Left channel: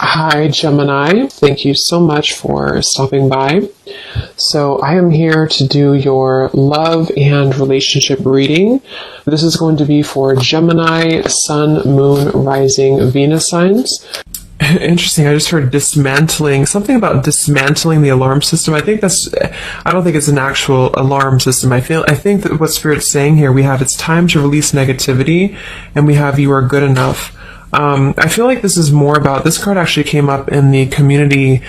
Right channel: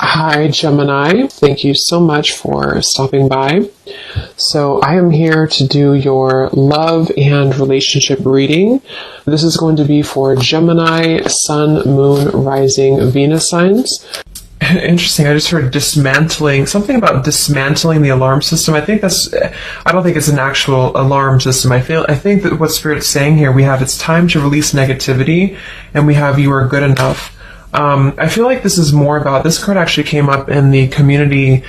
Hi, Gemini. Thank you so much for stopping by. So I am here to do your love and relationship reading. This is going to be for Gemini, Sun, Moon, Rising, Venus signs. Interesting. I just heard dismantling, something about dismantling the alarm system. I don't think it's an actual alarm system. I think that what Spirit's saying here, we have it's time to release negativity, and we have you are good enough. I feel like this is more about, this card actually came up in the community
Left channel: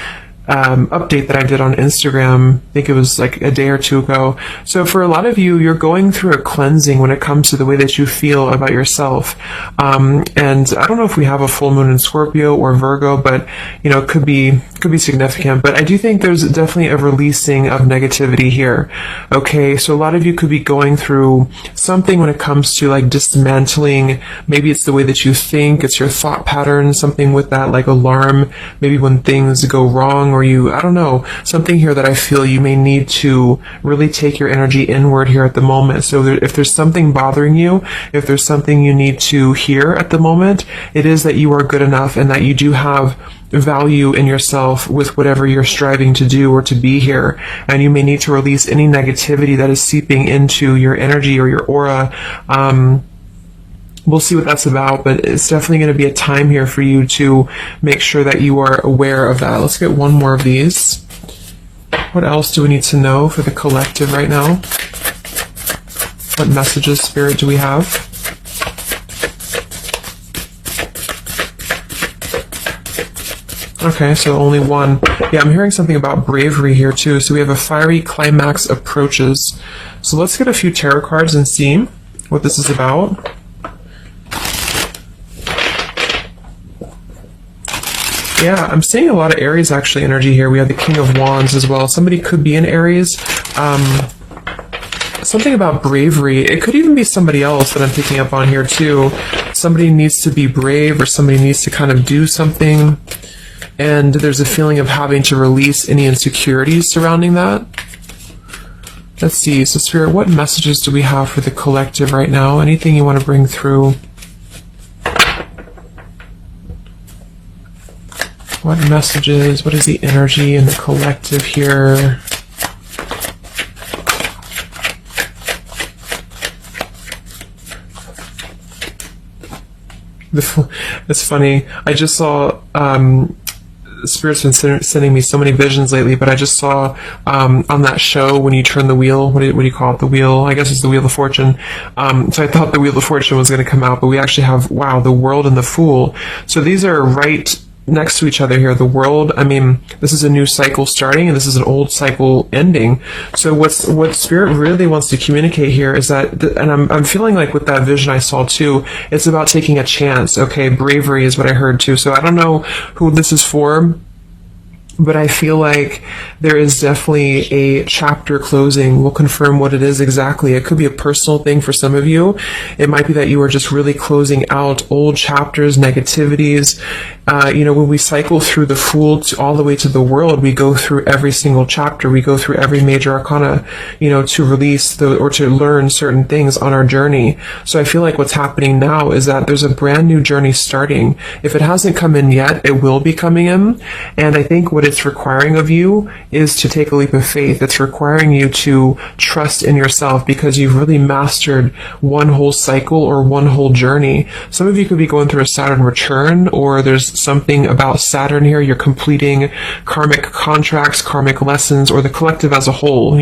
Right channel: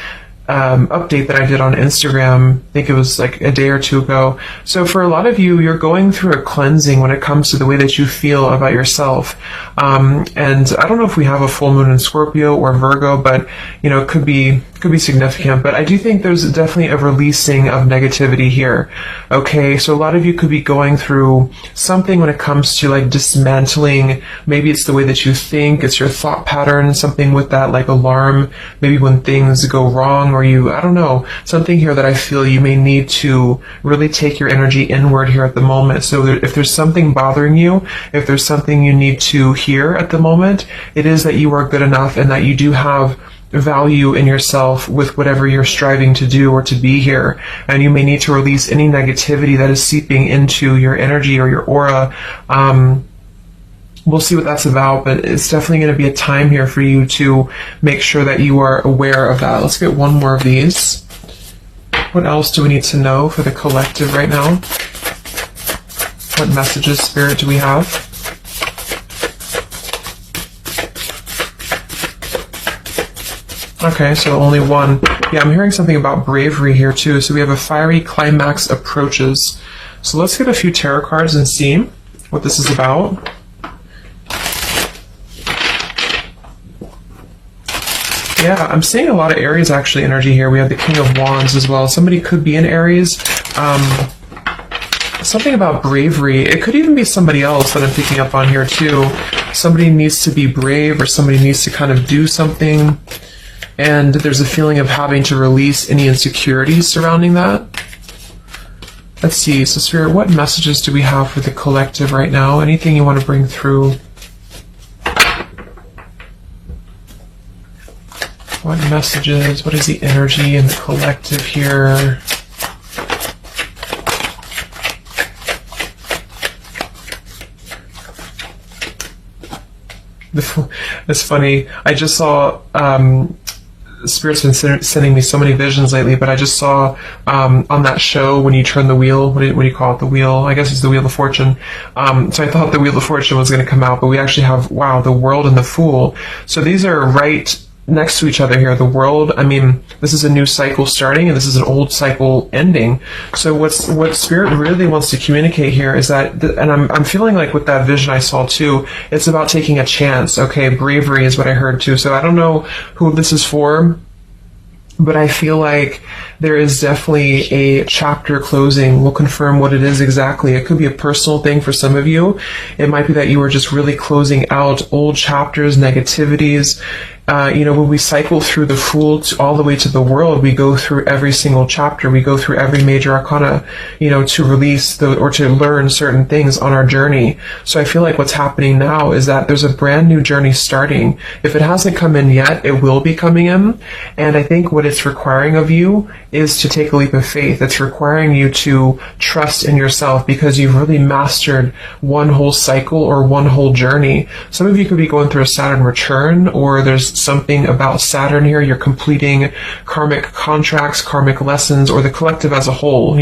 update that I did on Instagram. I think it was like a day or two ago. So for a lot of you, you're going through a cleansing when it comes to the way that you feel about yourself. And I don't know if we have a full moon in Scorpio or Virgo, but it could be significant. But I do think there's definitely a releasing of negativity here. Okay, so a lot of you could be going through something when it comes to like dismantling. Maybe it's the way that you think, it's your thought pattern, something with that like alarm, maybe when things go wrong, or I don't know, something here that I feel you may need to really take your energy inward here at the moment. So if there's something bothering you, if there's something you need to hear at the moment, it is that you are good enough and that you do have value in yourself with whatever you're striving to do or to be here. And you may need to release any negativity that is seeping into your energy or your aura. We'll see what that's about, but it's definitely going to be a time here for you to make sure that you are aware of that. Let's get one more of these. What else do we need to know for the collective right now? What messages, Spirit, do we have? Okay, so only one. Yeah, I'm hearing something about bravery here too. So we have a fiery climax approaches. So let's get a few tarot cards and see what this is about. Yeah, I'm seeing a lot of Aries actually energy here. We have the King of Wands as well. Somebody could be in Aries. Something about bravery. It could even be somebody else that I'm picking up on here too. Somebody needs to be brave, or somebody needs to kind of do something. And there's a feeling of having to release any insecurities surrounding that. Let's see. So Spirit, what messages do we have for the collective right now? Anything you want to bring through? What messages? What is the energy in the collective here? It's funny. I just saw Spirit's been sending me so many visions lately, but I just saw on that show when you turn the wheel, what do you call it? The wheel, I guess it's the Wheel of Fortune. So I thought the Wheel of Fortune was going to come out, but we actually have, wow, the World and the Fool. So these are right next to each other here. The World, I mean, this is a new cycle starting, and this is an old cycle ending. So what Spirit really wants to communicate here is that, and I'm feeling like with that vision I saw too, it's about taking a chance. Okay, bravery is what I heard too. So I don't know who this is for, but I feel like there is definitely a chapter closing. We'll confirm what it is exactly. It could be a personal thing for some of you. It might be that you are just really closing out old chapters, negativities. When we cycle through the Fool all the way to the World, we go through every single chapter. We go through every major arcana, to release or to learn certain things on our journey. So I feel like what's happening now is that there's a brand new journey starting. If it hasn't come in yet, it will be coming in. And I think what it's requiring of you is to take a leap of faith. It's requiring you to trust in yourself, because you've really mastered one whole cycle or one whole journey. Some of you could be going through a Saturn return, or there's something about Saturn here. You're completing karmic contracts, karmic lessons, or the collective as a whole,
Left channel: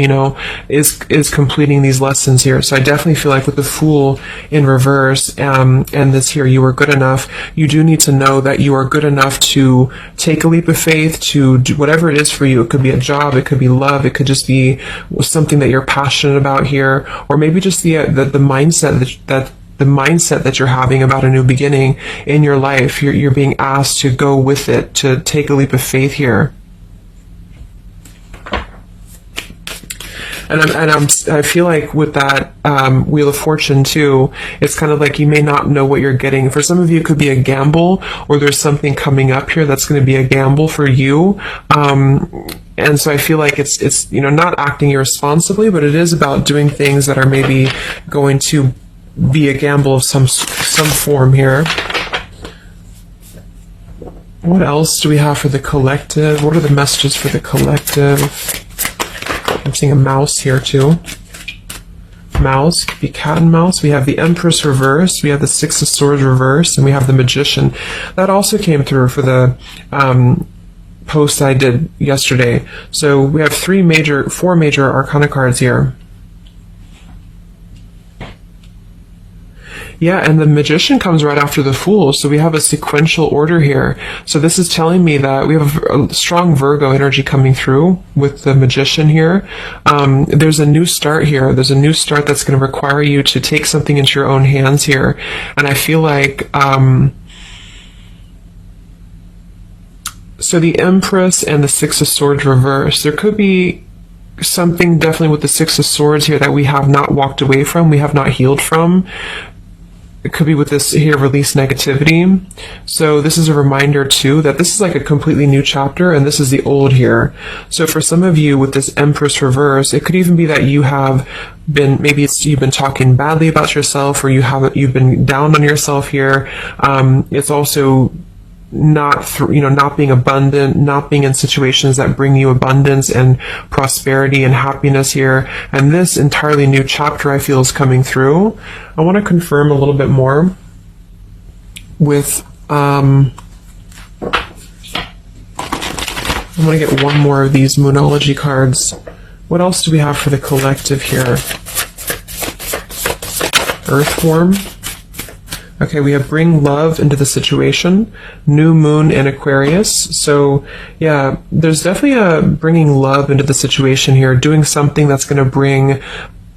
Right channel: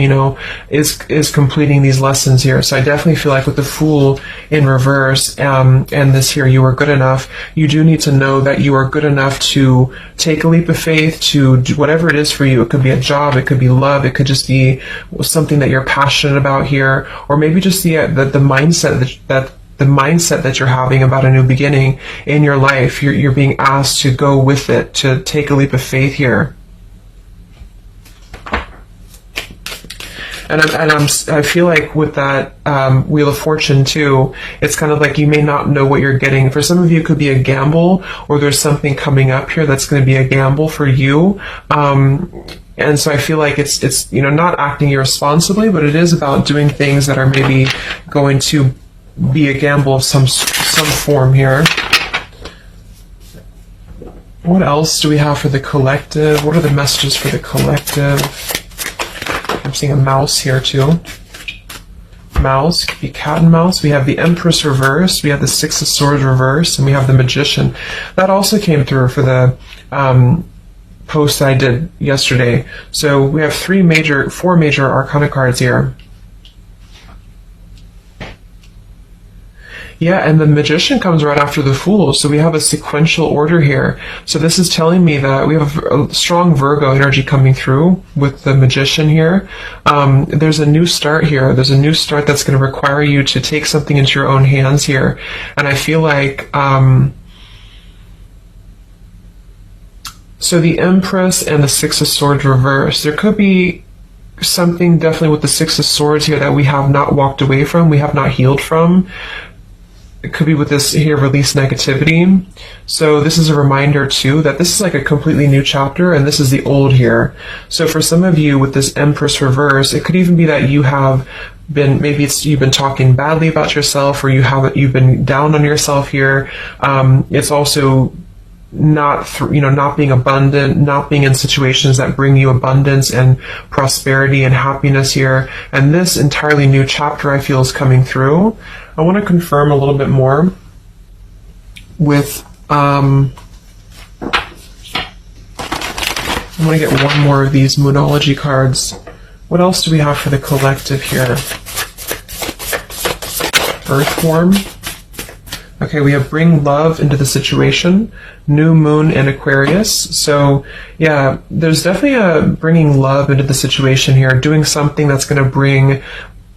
is completing these lessons here. So I definitely feel like with the Fool in reverse, and this here, you are good enough. You do need to know that you are good enough to take a leap of faith, to do whatever it is for you. It could be a job, it could be love, it could just be something that you're passionate about here, or maybe just the mindset that you're having about a new beginning in your life. You're being asked to go with it, to take a leap of faith here. And I feel like with that Wheel of Fortune too, it's kind of like you may not know what you're getting. For some of you, it could be a gamble, or there's something coming up here that's going to be a gamble for you. And so I feel like it's not acting irresponsibly, but it is about doing things that are maybe going to be a gamble of some form here. What else do we have for the collective? What are the messages for the collective? I'm seeing a mouse here too. Mouse, could be cat and mouse. We have the Empress reversed, we have the Six of Swords reversed, and we have the Magician. That also came through for the post I did yesterday. So we have four major Arcana cards here. Yeah, and the Magician comes right after the Fool, so we have a sequential order here. So this is telling me that we have a strong Virgo energy coming through with the Magician here. There's a new start here. There's a new start that's going to require you to take something into your own hands here. And I feel like... so the Empress and the Six of Swords reversed. There could be something definitely with the Six of Swords here that we have not walked away from, we have not healed from. It could be with this here, release negativity. So this is a reminder too that this is like a completely new chapter and this is the old here. So for some of you with this Empress reverse, it could even be that you have been, maybe you've been talking badly about yourself, or you've been down on yourself here. It's also not being abundant, not being in situations that bring you abundance and prosperity and happiness here. And this entirely new chapter I feel is coming through. I want to confirm a little bit more with, I'm going to get one more of these Moonology cards. What else do we have for the collective here? Earth form. Okay, we have bring love into the situation, new moon in Aquarius. So yeah, there's definitely a bringing love into the situation here, doing something that's going to bring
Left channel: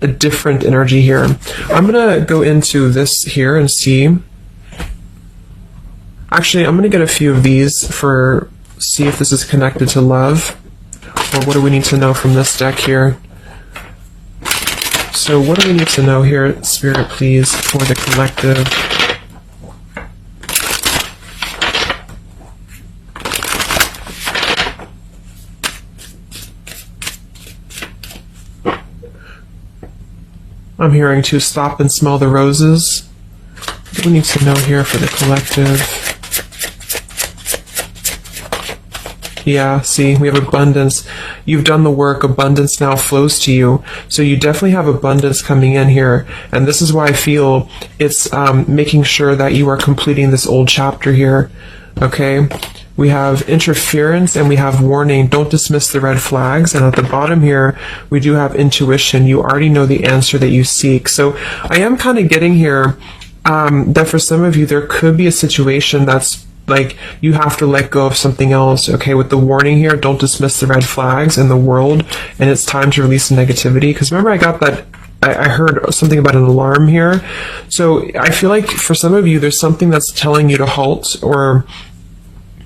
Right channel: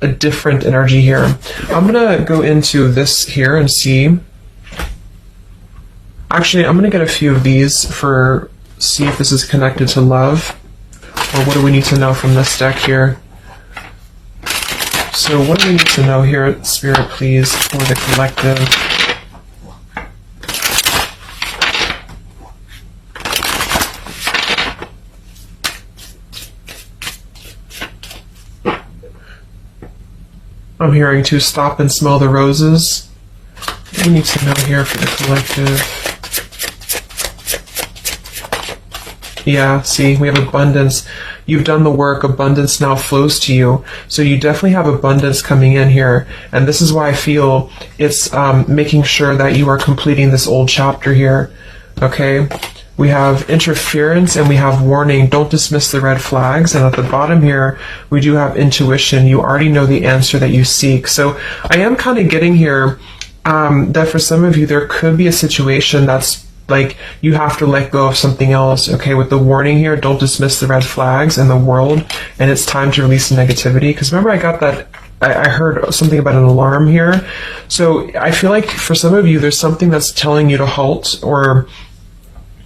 a different energy here. I'm going to go into this here and see. Actually, I'm going to get a few of these see if this is connected to love. Or what do we need to know from this deck here? So what do we need to know here, Spirit, please, for the collective? I'm hearing to stop and smell the roses. What do we need to know here for the collective? Yeah, see, we have abundance. You've done the work, abundance now flows to you. So you definitely have abundance coming in here. And this is why I feel it's making sure that you are completing this old chapter here. Okay? We have interference and we have warning. Don't dismiss the red flags. And at the bottom here, we do have intuition. You already know the answer that you seek. So I am kind of getting here that for some of you, there could be a situation that's like you have to let go of something else. Okay, with the warning here, don't dismiss the red flags in the world. And it's time to release the negativity. Because remember, I got that. I heard something about an alarm here. So I feel like for some of you, there's something that's telling you to halt, or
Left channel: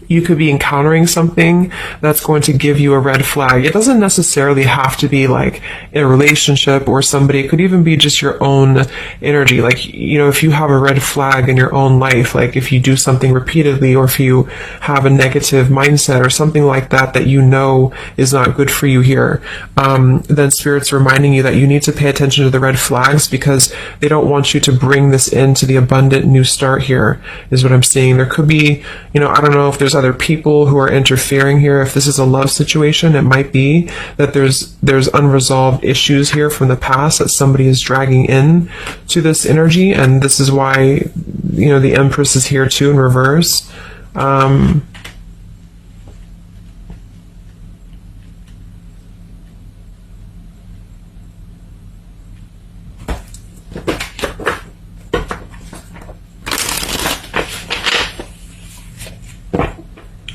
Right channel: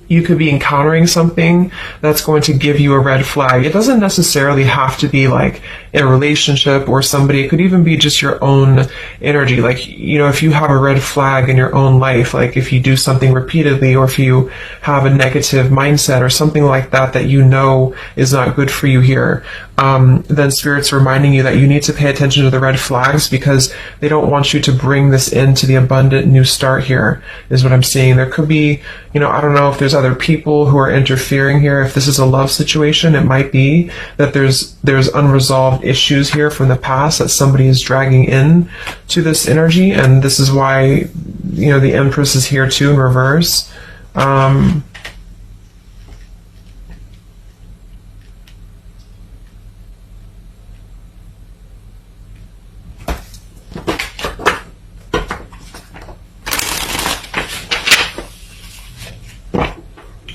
you could be encountering something that's going to give you a red flag. It doesn't necessarily have to be like a relationship or somebody. It could even be just your own energy. Like, you know, if you have a red flag in your own life, like if you do something repeatedly, or if you have a negative mindset or something like that that you know is not good for you here, then Spirit's reminding you that you need to pay attention to the red flags, because they don't want you to bring this into the abundant new start here, is what I'm seeing. There could be, you know, I don't know if there's other people who are interfering here. If this is a love situation, it might be that there's unresolved issues here from the past that somebody is dragging in to this energy, and this is why, you know, the Empress is here too in reverse.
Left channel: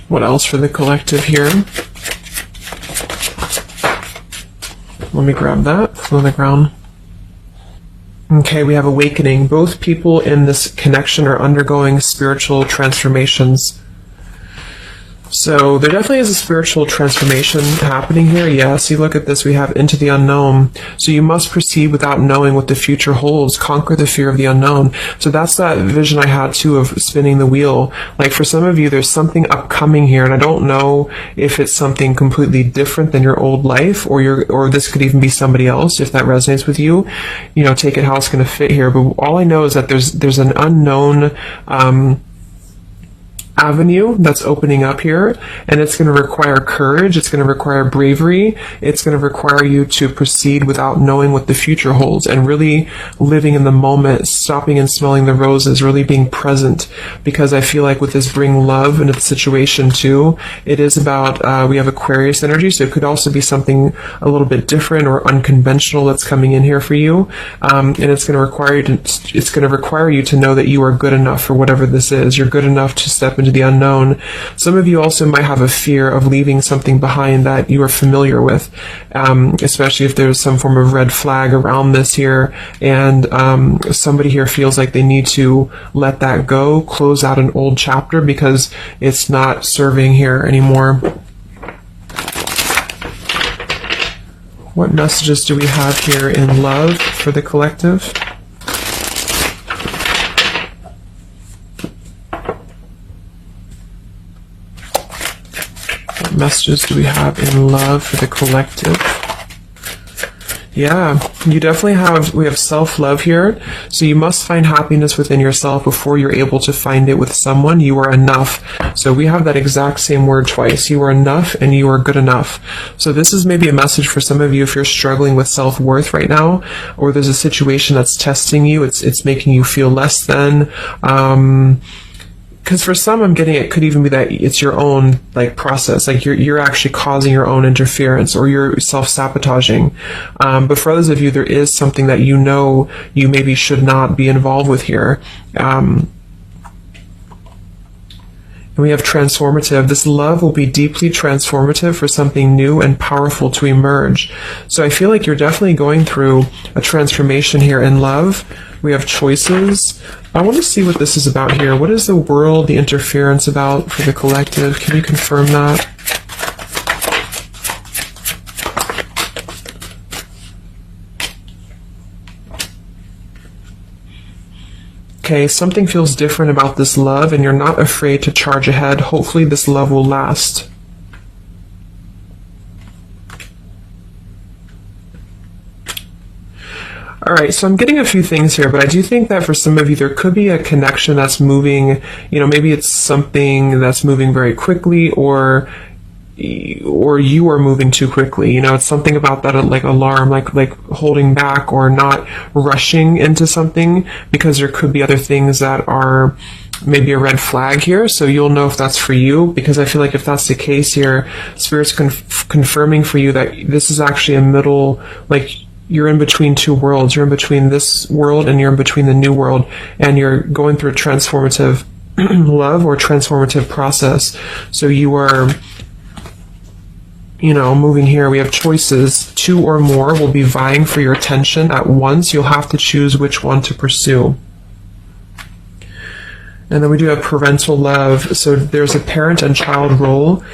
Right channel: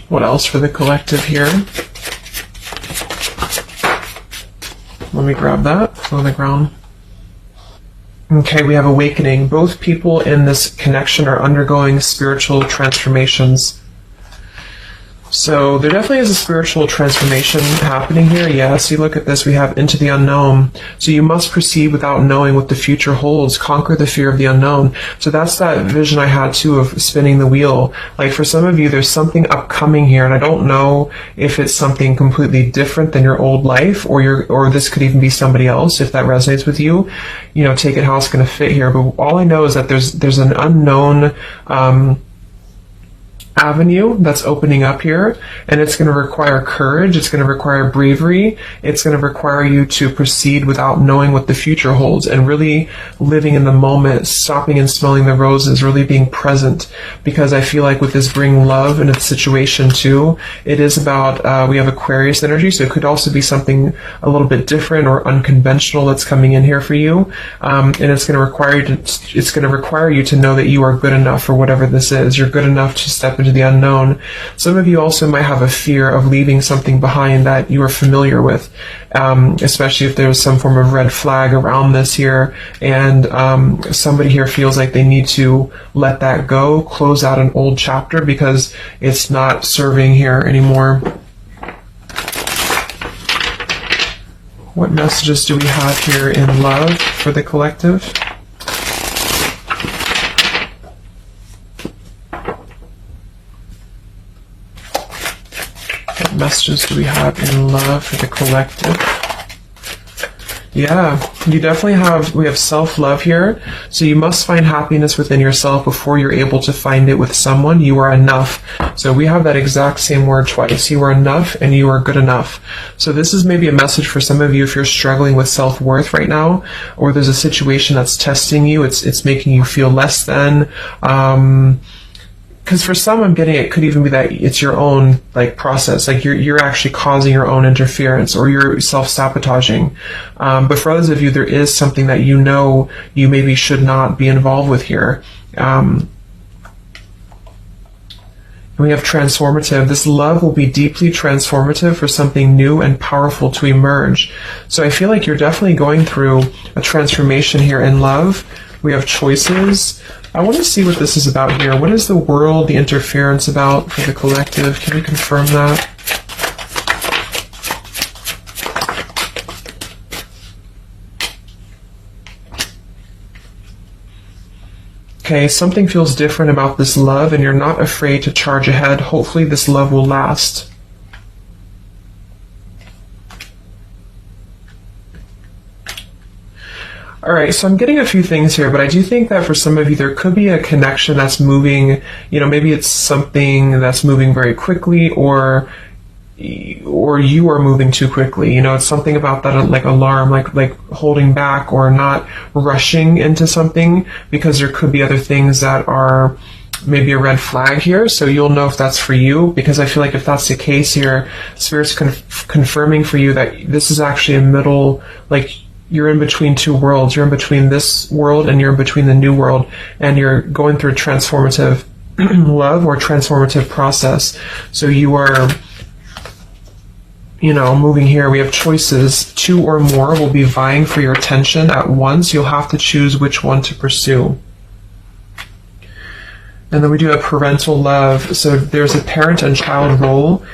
What else for the collective here? Let me grab that on the ground. Okay, we have awakening. Both people in this connection are undergoing spiritual transformations. So there definitely is a spiritual transformation happening here. Yeah, see, look at this. We have into the unknown. So you must proceed without knowing what the future holds. Conquer the fear of the unknown. So that's that vision I had too of spinning the wheel. Like for some of you, there's something upcoming here, and I don't know if it's something completely different than your old life, or this could even be somebody else. If that resonates with you, you know, take it how it's going to fit here. But all I know is that there's an unknown avenue that's opening up here, and it's going to require courage, it's going to require bravery, it's going to require you to proceed without knowing what the future holds, and really living in the moment, stopping and smelling the roses, really being present, because I feel like with this bring love in its situation too, it is about, we have Aquarius energy, so it could also be something a little bit different or unconventional that's coming in here for you, and it's going to require you to know that you are good enough for whatever this is. You're good enough to step into the unknown. Some of you also might have a fear of leaving something behind that you are familiar with, especially if there's some form of red flag around this here, and somebody here feels like they need to let that go, close out an old chapter because it's not serving here anymore. What messages do we have here in love for the collective? What messages do we have in love for the collective? Yeah, you definitely we have self-love here. So you must find happiness within yourself before you're able to find it with someone. You are enough. So we have that exact same word twice. You are enough and you are good enough. So this is maybe a message for some of you if you're struggling with self-worth right now, or there's a situation that's testing you. It's making you feel less than. Because for some, I'm getting it could even be that it's your own process, you're actually causing your own interference, or you're self-sabotaging. But for others of you, there is something that you know you maybe should not be involved with here. And we have transformative. This love will be deeply transformative for something new and powerful to emerge. So I feel like you're definitely going through a transformation here in love. We have choices. I want to see what this is about here. What is the world, the interference about for the collective? Can you confirm that? Okay, something feels different about this love, and you're not afraid to charge ahead. Hopefully this love will last. All right, so I'm getting a few things here, but I do think that for some of you, there could be a connection that's moving, maybe it's something that's moving very quickly, or you are moving too quickly. It's something about that, alarm, like holding back or not rushing into something, because there could be other things that are maybe a red flag here. So you'll know if that's for you, because I feel like if that's the case here, Spirit's confirming for you that this is actually a middle, you're in between two worlds. You're in between this world and you're in between the new world, and you're going through transformative love or transformative process. So you are, moving here. We have choices. Two or more will be vying for your attention at once. You'll have to choose which one to pursue. And then we do have parental love. So there's a parent and child role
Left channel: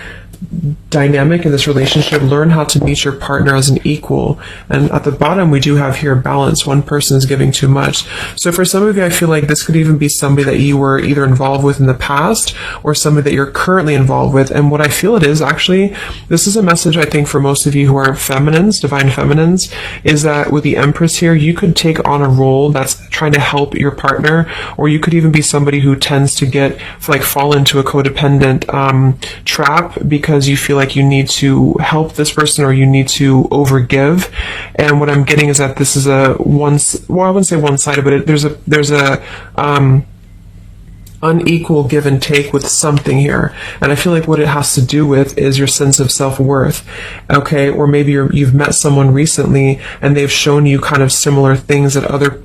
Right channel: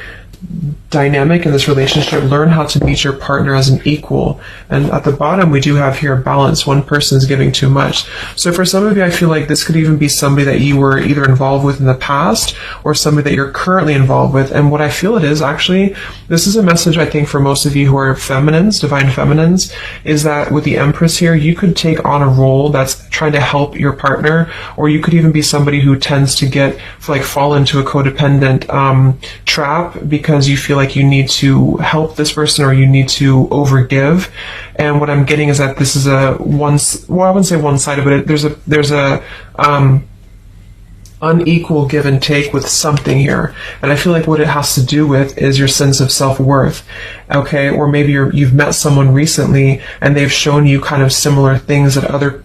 dynamic in this relationship. Learn how to meet your partner as an equal. And at the bottom, we do have here balance. One person is giving too much. So for some of you, I feel like this could even be somebody that you were either involved with in the past or somebody that you're currently involved with. And what I feel it is, actually, this is a message I think for most of you who are feminines, divine feminines, is that with the Empress here, you could take on a role that's trying to help your partner, or you could even be somebody who tends to fall into a codependent trap, because you feel like you need to help this person or you need to overgive. And what I'm getting is that this is I wouldn't say one-sided, but there's a unequal give and take with something here. And I feel like what it has to do with is your sense of self-worth. Okay, or maybe you've met someone recently and they've shown you kind of similar things that other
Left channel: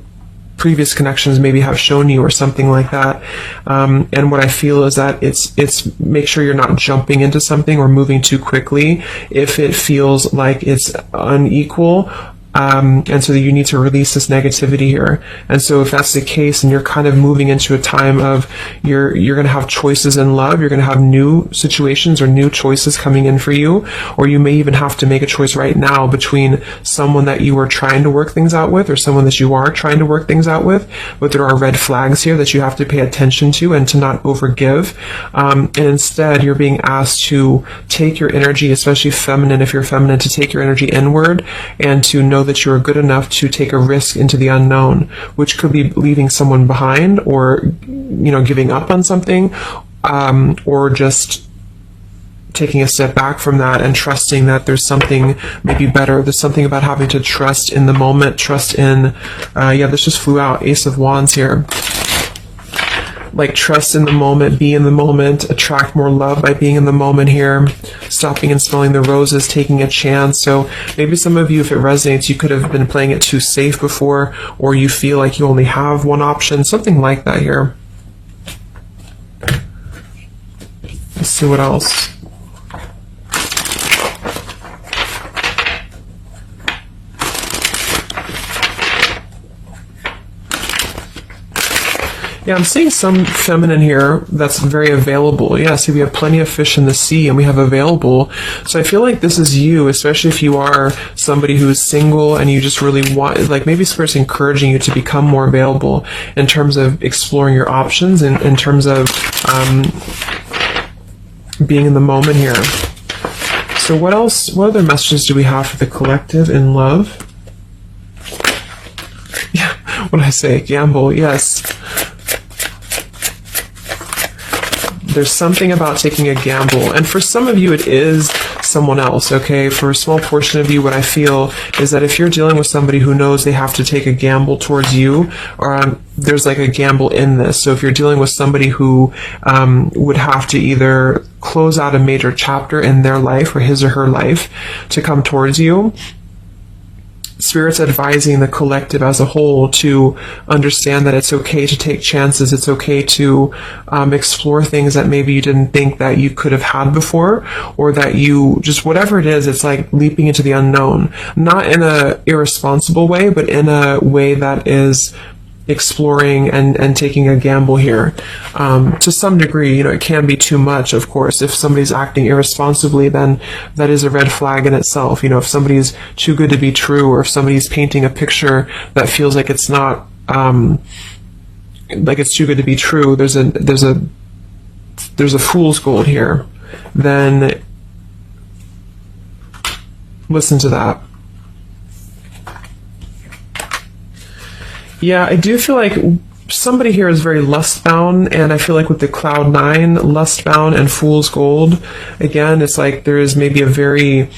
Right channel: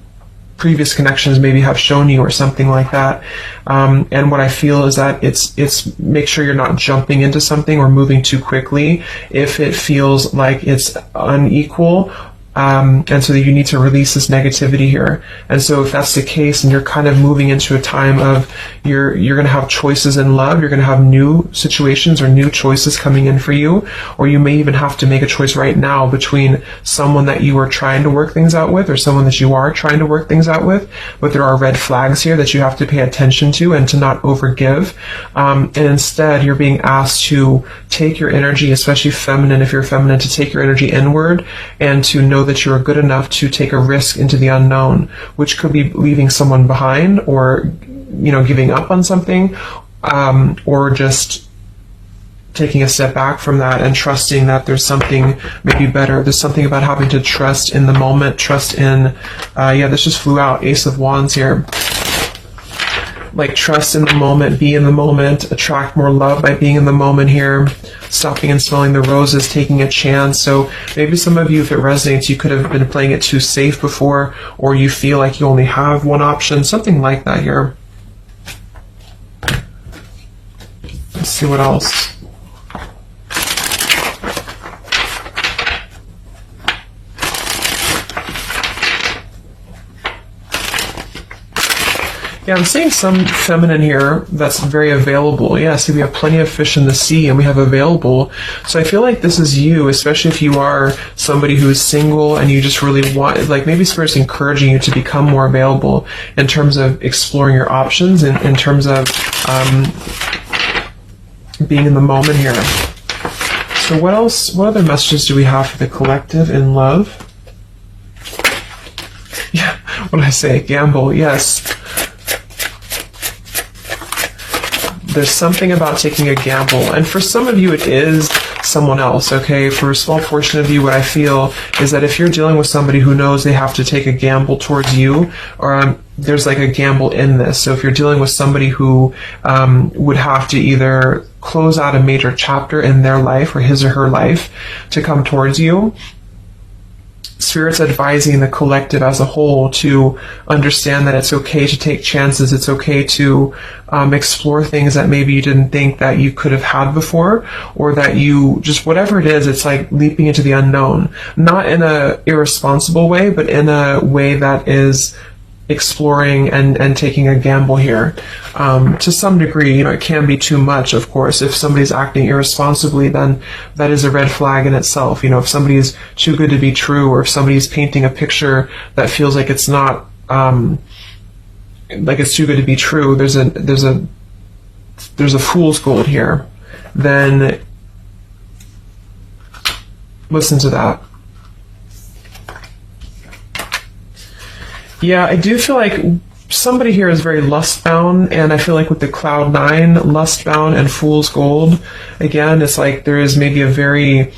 previous connections maybe have shown you, or something like that. And what I feel is that it's make sure you're not jumping into something or moving too quickly if it feels like it's unequal. And so you need to release this negativity here. And so if that's the case, and you're kind of moving into a time of you're going to have choices in love, you're going to have new situations or new choices coming in for you, or you may even have to make a choice right now between someone that you are trying to work things out with or someone that you are trying to work things out with. But there are red flags here that you have to pay attention to and to not overgive. And instead, you're being asked to take your energy, especially feminine, if you're feminine, to take your energy inward and to know that you are good enough to take a risk into the unknown, which could be leaving someone behind, or giving up on something, or just taking a step back from that and trusting that there's something maybe better. There's something about having to trust in the moment, trust in, this just flew out, Ace of Wands here. Like trust in the moment, be in the moment, attract more love by being in the moment here, stopping and smelling the roses, taking a chance. So maybe some of you, if it resonates, you could have been playing it too safe before, or you feel like you only have one option, something like that here. Let's see what else. Yeah, I'm seeing some feminine here that's very available. Yeah, see, we have plenty of fish in the sea and we have available. So I feel like this is you, especially if you are somebody who is single and you just really want, like maybe Spirit's encouraging you to become more available in terms of exploring your options and in terms of being in the moment here. So what else, what other messages do we have for the collective in love? Yeah, when I say gamble, yes. There's something about taking a gamble, and for some of you it is someone else, okay? For a small portion of you, what I feel is that if you're dealing with somebody who knows they have to take a gamble towards you, or there's like a gamble in this. So if you're dealing with somebody who would have to either close out a major chapter in their life or his or her life to come towards you, Spirit's advising the collective as a whole to understand that it's okay to take chances. It's okay to explore things that maybe you didn't think that you could have had before, or that you just, whatever it is, it's like leaping into the unknown. Not in a irresponsible way, but in a way that is exploring and taking a gamble here. To some degree, you know, it can be too much, of course. If somebody's acting irresponsibly, then that is a red flag in itself. You know, if somebody's too good to be true, or if somebody's painting a picture that feels like it's not, like it's too good to be true, there's a fool's gold here, then listen to that. Yeah, I do feel like somebody here is very lust-bound, and I feel like with the Cloud 9, lust-bound and Fool's Gold, again, it's like there is maybe a very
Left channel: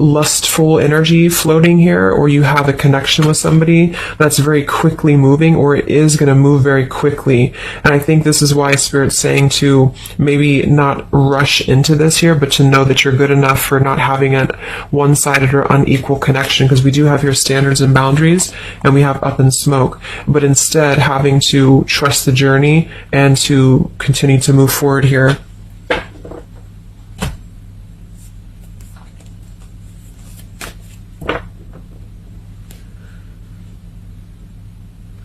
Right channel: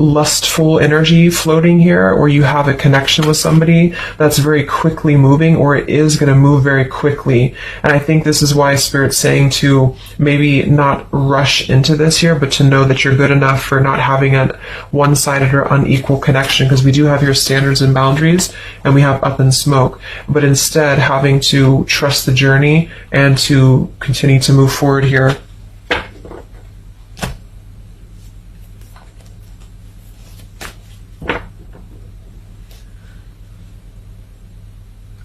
lustful energy floating here, or you have a connection with somebody that's very quickly moving, or it is going to move very quickly. And I think this is why Spirit's saying to maybe not rush into this here, but to know that you're good enough for not having a one-sided or unequal connection, because we do have your standards and boundaries, and we have up and smoke, but instead having to trust the journey and to continue to move forward here.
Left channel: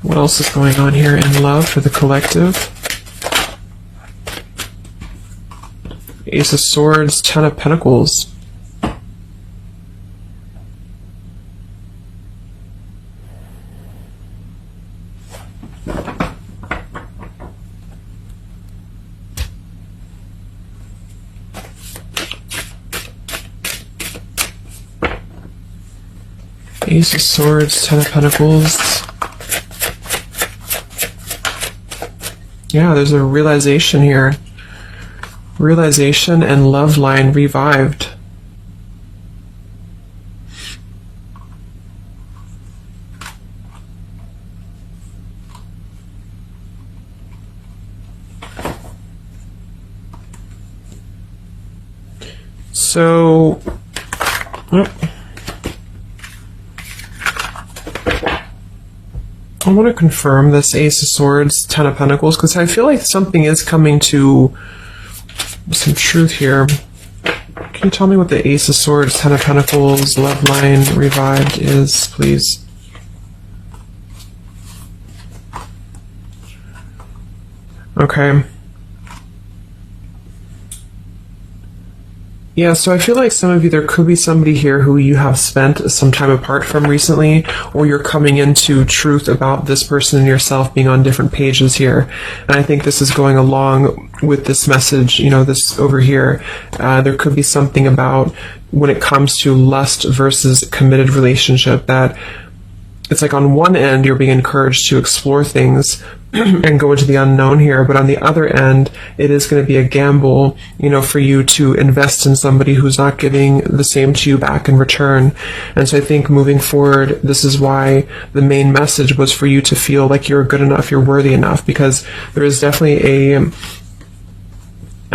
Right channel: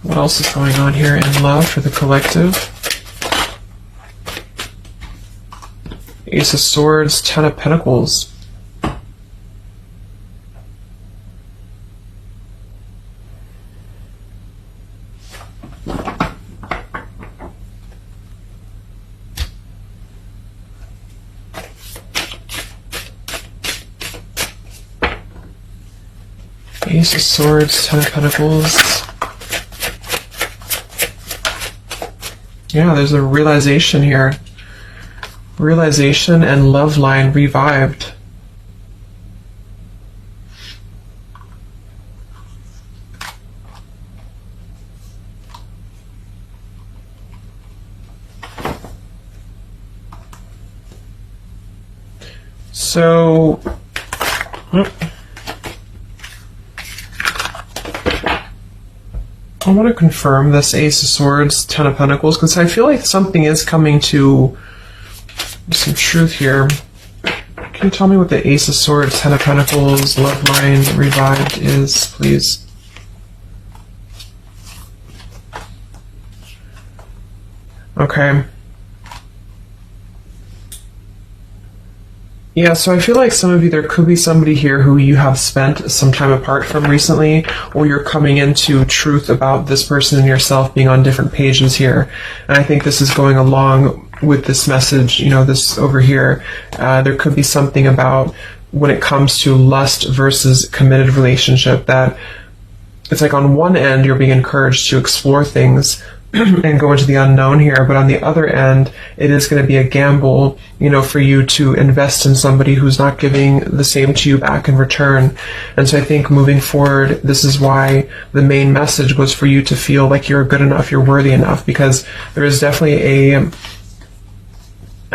What else is going on here in love for the collective? Ace of Swords, Ten of Pentacles. Ace of Swords, Ten of Pentacles. Yeah, there's a realization here. Realization and love line revived. So, I want to confirm this Ace of Swords, Ten of Pentacles, because I feel like something is coming to some truth here. Can you tell me what the Ace of Swords, Ten of Pentacles, love line revived is, please? Okay. Yeah, so I feel like some of you, there could be somebody here who you have spent some time apart from recently, or you're coming into truth about this person and yourself being on different pages here. And I think this is going along with this message, you know, this over here. There could be something about when it comes to lust versus committed relationship, that it's like on one end you're being encouraged to explore things, and go into the unknown here. But on the other end, it is going to be a gamble, for you to invest in somebody who's not giving the same to you back in return. And so I think moving forward, this is why the main message was for you to feel like you're good enough, you're worthy enough, because there is definitely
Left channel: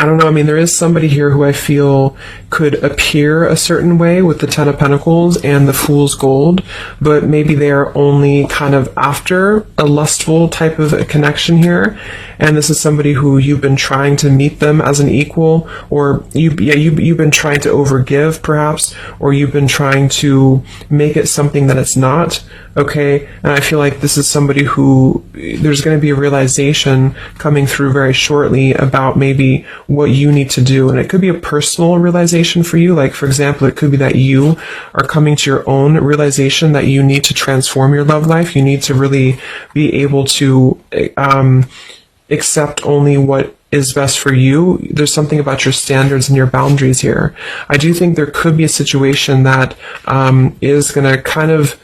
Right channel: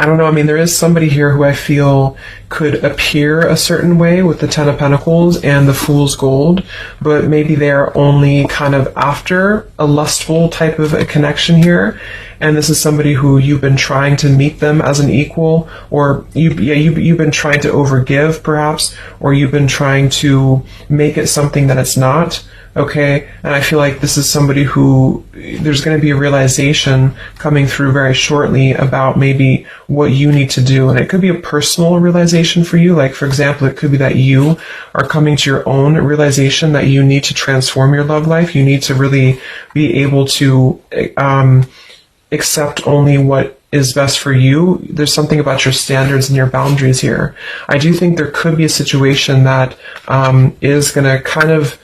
I don't know, there is somebody here who I feel could appear a certain way with the Ten of Pentacles and the Fool's Gold, but maybe they're only kind of after a lustful type of a connection here. And this is somebody who you've been trying to meet them as an equal, or you've been trying to overgive perhaps, or you've been trying to make it something that it's not. Okay, and I feel like this is somebody who there's going to be a realization coming through very shortly about maybe what you need to do. And it could be a personal realization for you. Like, for example, it could be that you are coming to your own realization that you need to transform your love life. You need to really be able to accept only what is best for you. There's something about your standards and your boundaries here. I do think there could be a situation that is going to kind of,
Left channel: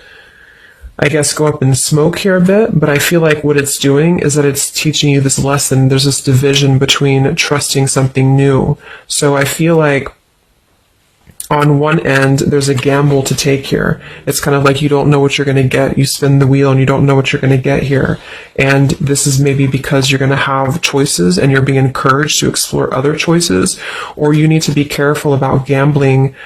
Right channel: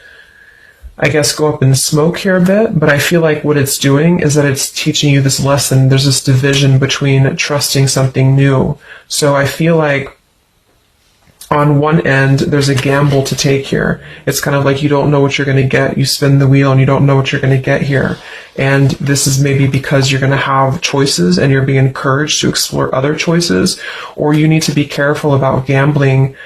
I guess, go up in smoke here a bit, but I feel like what it's doing is that it's teaching you this lesson. There's this division between trusting something new. So I feel like on one end, there's a gamble to take here. It's kind of like you don't know what you're going to get. You spin the wheel and you don't know what you're going to get here. And this is maybe because you're going to have choices and you're being encouraged to explore other choices, or you need to be careful about gambling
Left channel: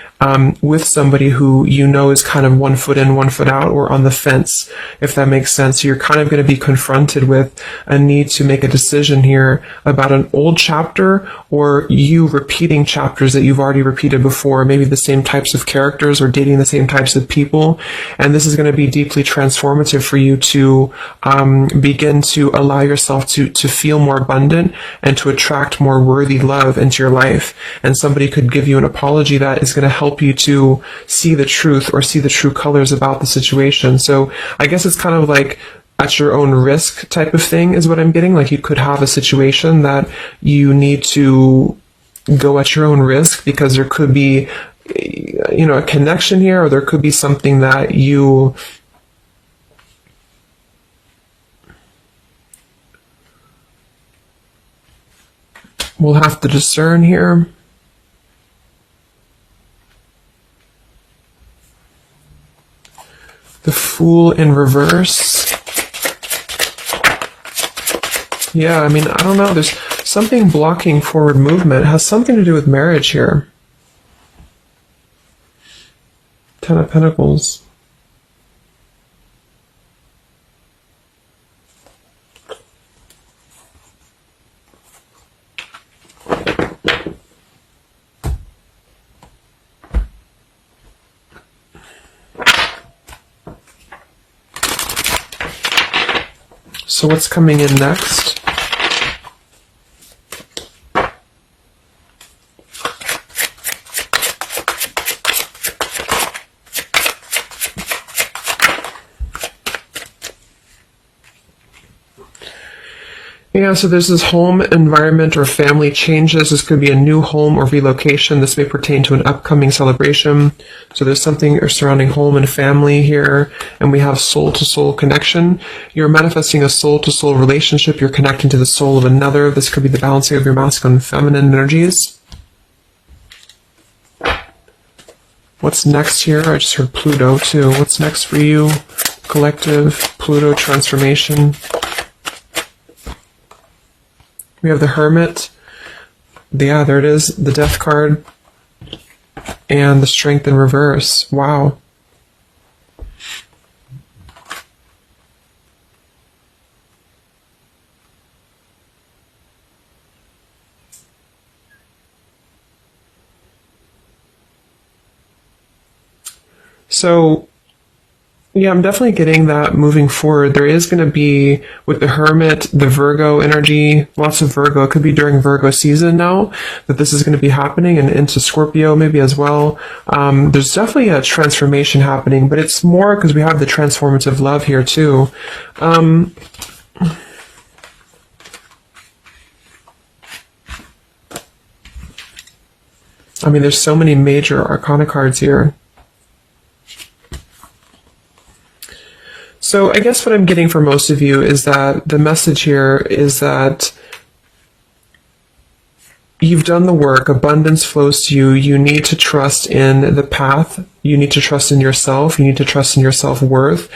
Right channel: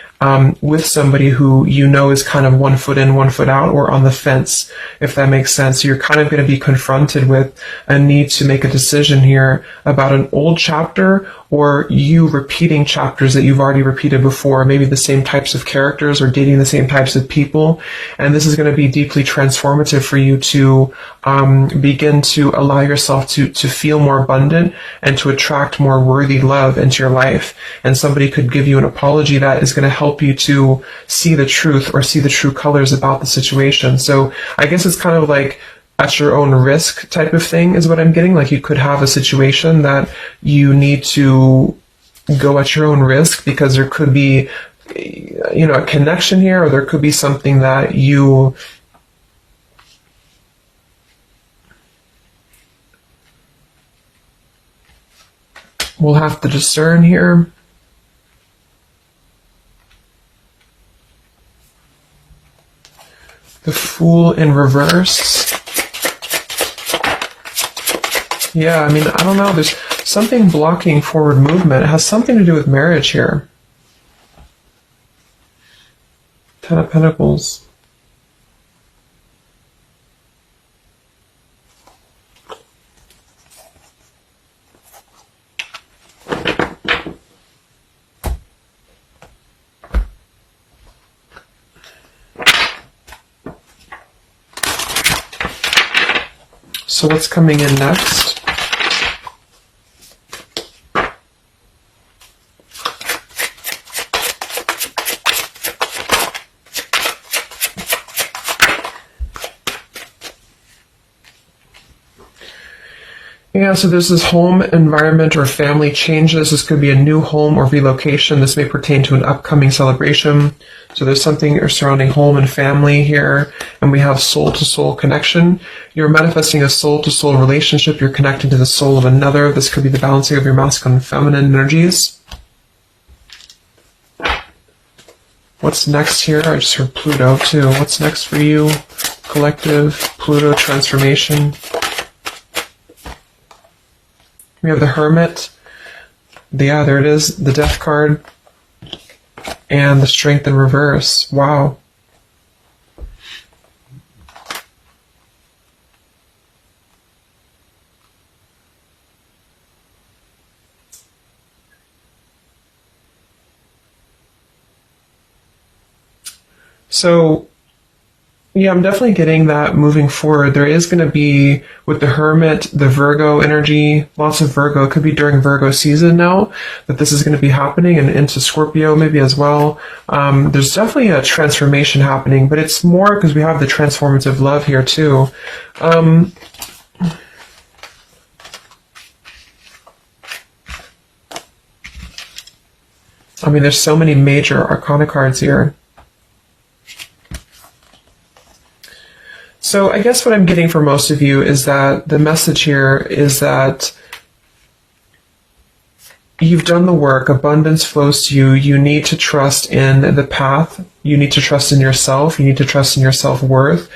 with somebody who is kind of 1 foot in, 1 foot out, or on the fence, if that makes sense. So you're kind of going to be confronted with a need to make a decision here about an old chapter, or you repeating chapters that you've already repeated before, maybe the same types of characters or dating the same types of people. And this is going to be deeply transformative for you to begin to allow yourself to feel more abundant and to attract more worthy love into your life. And somebody could give you an apology that is going to help you to see the truth or see the true colors about the situation. So I guess it's kind of like at your own risk type of thing is what I'm getting. Like, you could have a situation that you need to go at your own risk because there could be, a connection here, or there could be something that you will have to discern here. The Fool in reverse. Yeah, I don't know. There's something blocking forward movement. It has something to do with marriage here. Ten of Pentacles. So what's coming in next? Yeah, so there's this home environment or family changes. This could be a new home or relocation. This may pertain to an upcoming celebration. So there's something surrounding home and family here. And we have soul-to-soul connection. You're manifesting a soul-to-soul relationship. You're connecting to the soul of another. This could be the balancing of your masculine and feminine energies. What's next here? I just heard Pluto too. What's next for you? Collective, Pluto transformation. We have the Hermit. Yeah, there it is. The Death card. And the Strength in reverse. Wow. So, yeah, I'm definitely getting that moving forward. There is going to be, with the Hermit, the Virgo energy, lots of Virgo. It could be during Virgo season now that this is going to be happening, and into Scorpio maybe as well. There's definitely a transformation happening, but it's more because we have the transformative love here too. There's so many major arcana cards here. So I guess what I'm getting for most of you is that the message here is that you've done the work, abundance flows to you, you need to trust in the path, you need to trust in yourself, you need to trust in your self-worth.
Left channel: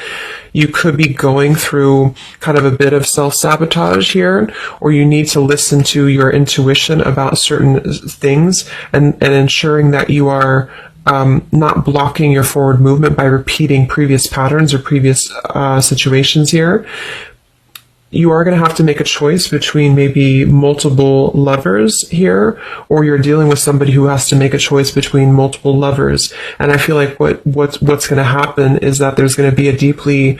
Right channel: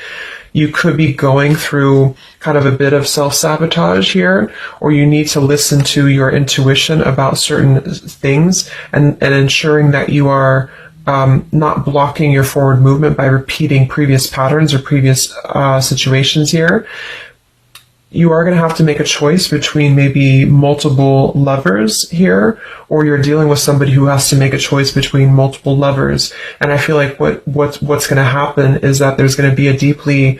You could be going through kind of a bit of self-sabotage here, or you need to listen to your intuition about certain things and ensuring that you are not blocking your forward movement by repeating previous patterns or previous situations here. You are going to have to make a choice between maybe multiple lovers here, or you're dealing with somebody who has to make a choice between multiple lovers. And I feel like what's going to happen is that there's going to be a deeply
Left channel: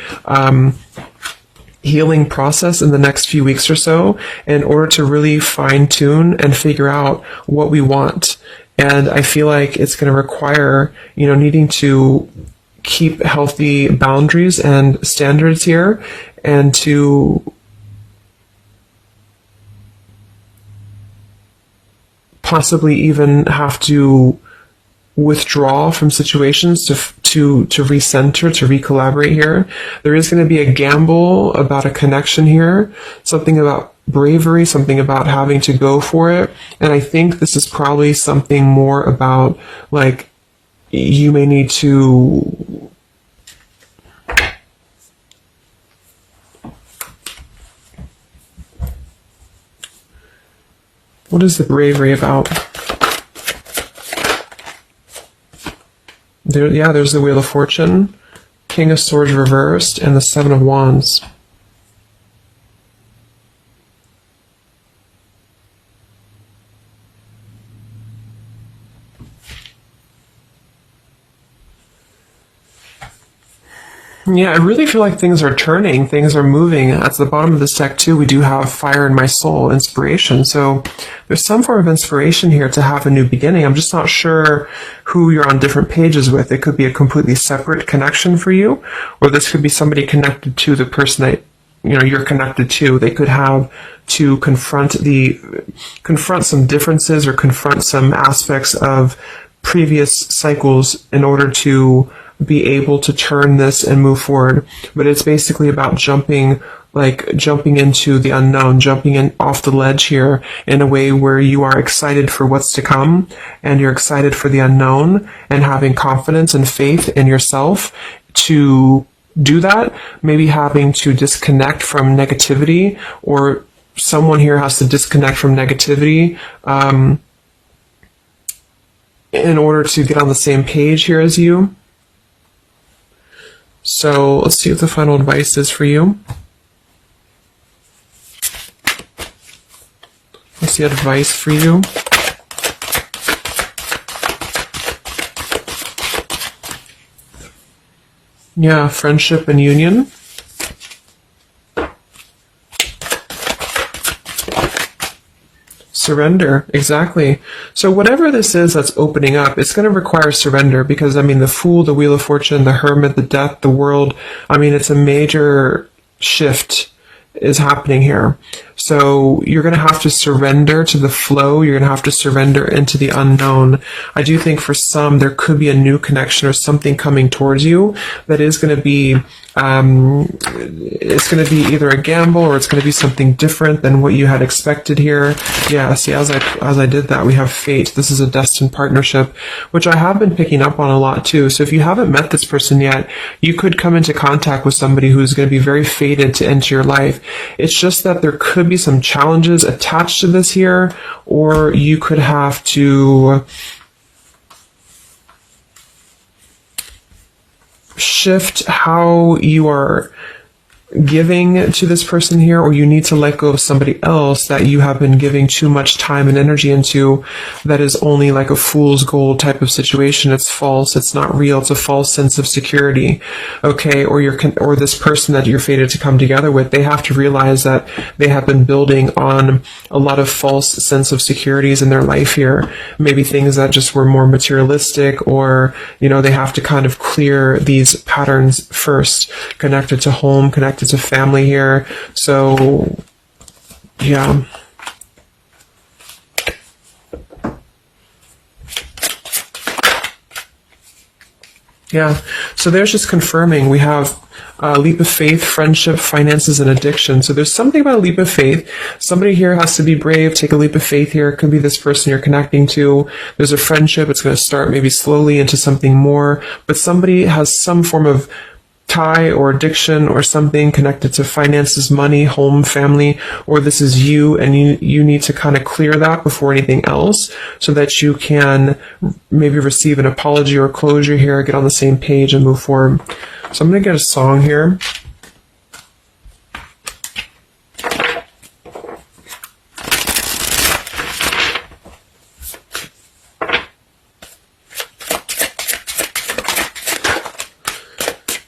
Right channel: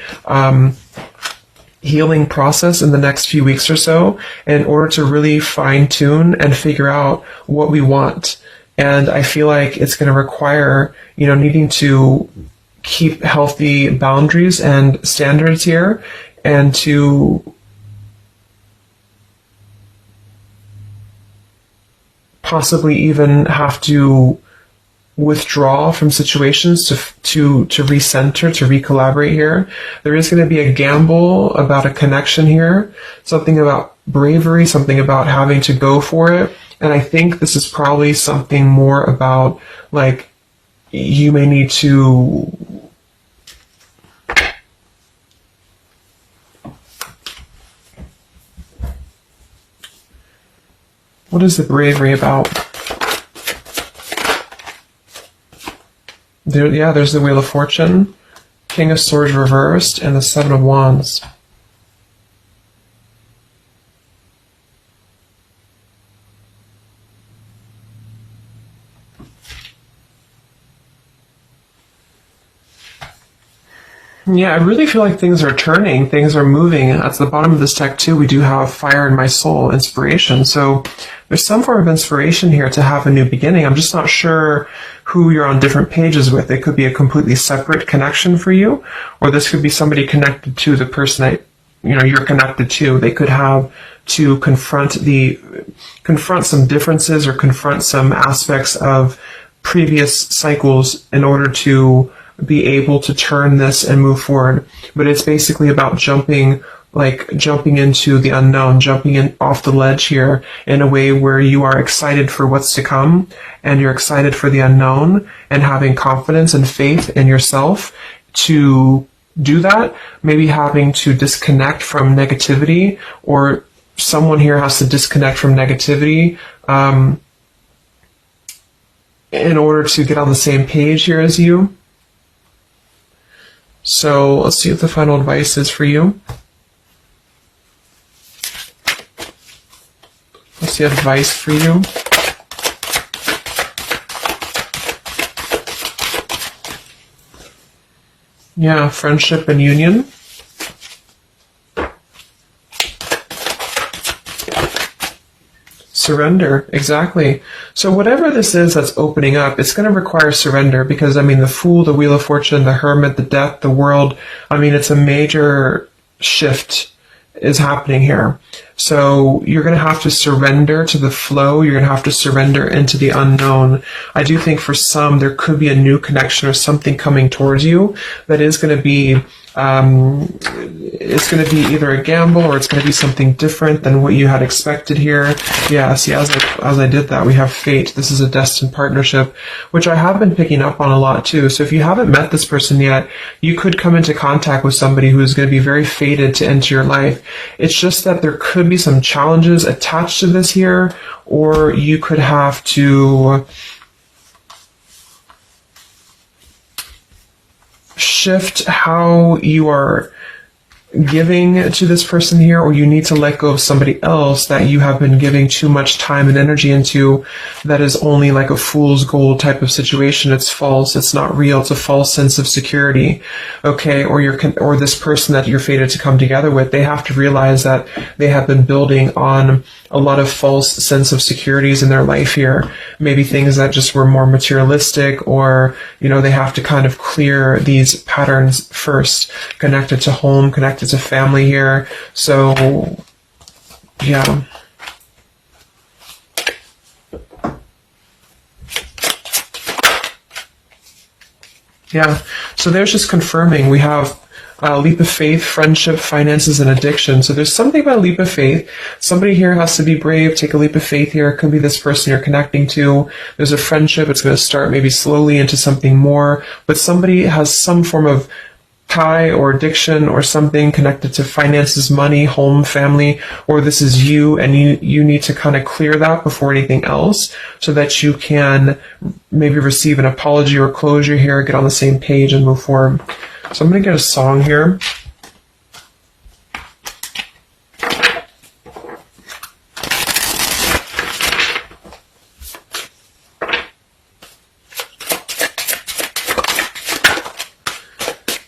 healing process in the next few weeks or so in order to really fine tune and figure out what we want. And I feel like it's going to require, needing to keep healthy boundaries and standards here, and to possibly even have to withdraw from situations to recenter, to recollaborate here. There is going to be a gamble about a connection here, something about bravery, something about having to go for it. And I think this is probably something more about, like, you may need to what is the bravery about? There's the Wheel of Fortune, King of Swords reversed, and the Seven of Wands. Yeah, I really feel like things are turning, things are moving. At the bottom of this deck too, we do have Fire in My Soul, inspiration. So there's some form of inspiration here to have a new beginning. I'm just not sure who you're on different pages with. It could be a completely separate connection for you, or this could be somebody connected to the person that you're connected to. They could have to confront some differences or confront some aspects of previous cycles in order to be able to turn this and move forward. But it's basically about jumping into the unknown, jumping in off the ledge here in a way where you are excited for what's to come, and you're excited for the unknown, and having confidence and faith in yourself to do that. Maybe having to disconnect from negativity, or someone here has to disconnect from negativity in order to get on the same page here as you. So let's see what the final advice is for you. What's the advice for you? Yeah, friendship and union. Surrender, exactly. So whatever this is that's opening up, it's going to require surrender, because, the Fool, the Wheel of Fortune, the Hermit, the Death, the World, it's a major shift is happening here. So you're going to have to surrender to the flow. You're going to have to surrender into the unknown. I do think for some, there could be a new connection or something coming towards you that is going to be it's going to be either a gamble, or it's going to be something different than what you had expected here. Yeah, see, as I did that, we have fate. This is a destined partnership, which I have been picking up on a lot too. So if you haven't met this person yet, you could come into contact with somebody who is going to be very fated to enter your life. It's just that there could be some challenges attached to this here, or you could have to shift how you are giving to this person here, or you need to let go of somebody else that you have been giving too much time and energy into, that is only like a fool's gold type of situation. It's false, it's not real, it's a false sense of security. Okay, or this person that you're fated to come together with, they have to realize that they have been building on a lot of false sense of securities in their life here. Maybe things that just were more materialistic, or they have to kind of clear these patterns first, connected to home, connected to family here. So yeah, so there's just confirming. We have Leap of faith, friendship, finances, and addiction. So there's something about a leap of faith. Somebody here has to be brave, take a leap of faith here. It could be this person you're connecting to. There's a friendship. It's going to start maybe slowly into something more. But somebody has some form of tie or addiction or something connected to finances, money, home, family, or this is you, and you need to kind of clear that before anything else so that you can maybe receive an apology or closure here, get on the same page and move forward. So I'm going to get a song here.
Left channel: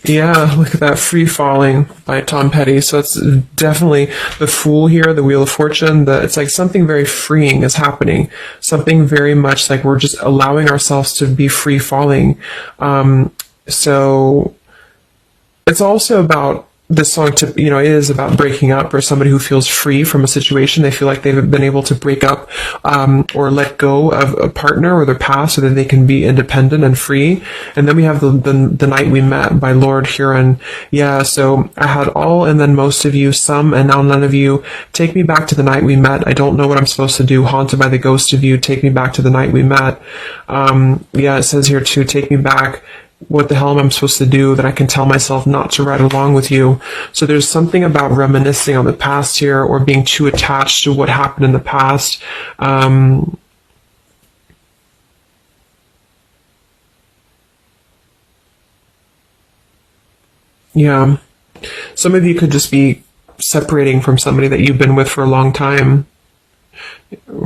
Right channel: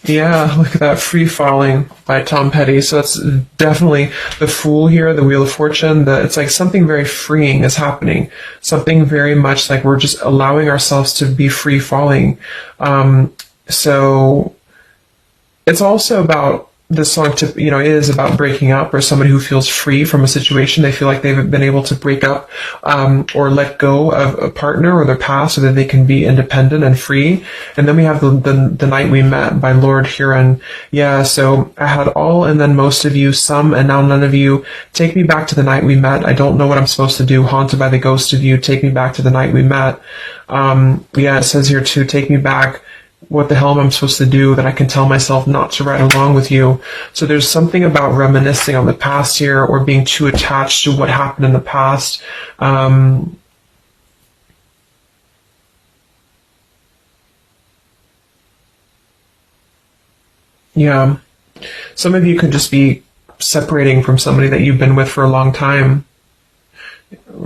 Yeah, look at that, Free Falling by Tom Petty. So that's definitely the Fool here, the Wheel of Fortune. It's like something very freeing is happening. Something very much like we're just allowing ourselves to be free falling. So it's also about this song is about breaking up, or somebody who feels free from a situation. They feel like they've been able to break up or let go of a partner or their past so that they can be independent and free. And then we have the Night We Met by Lord Huron. Yeah, so I had all and then most of you, some and now none of you. Take me back to the night we met. I don't know what I'm supposed to do. Haunted by the ghost of you. Take me back to the night we met. Yeah, it says here too, take me back. What the hell am I supposed to do that I can tell myself not to ride along with you? So there's something about reminiscing on the past here, or being too attached to what happened in the past. Yeah. Some of you could just be separating from somebody that you've been with for a long time.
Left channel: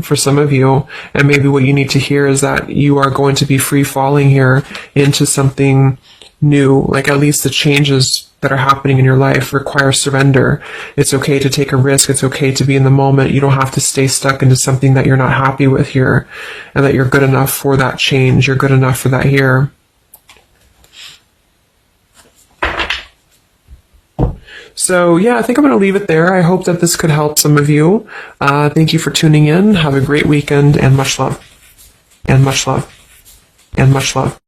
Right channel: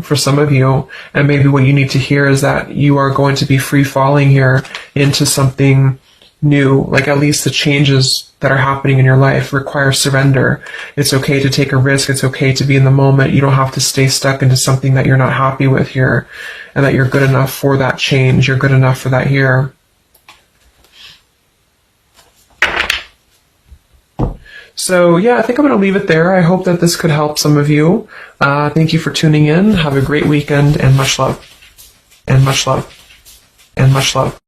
For some of you, and maybe what you need to hear is that you are going to be free falling here into something new. Like, at least the changes that are happening in your life require surrender. It's okay to take a risk. It's okay to be in the moment. You don't have to stay stuck into something that you're not happy with here, and that you're good enough for that change. You're good enough for that here. So yeah, I think I'm going to leave it there. I hope that this could help some of you. Thank you for tuning in. Have a great weekend, and much love. And much love. And much love.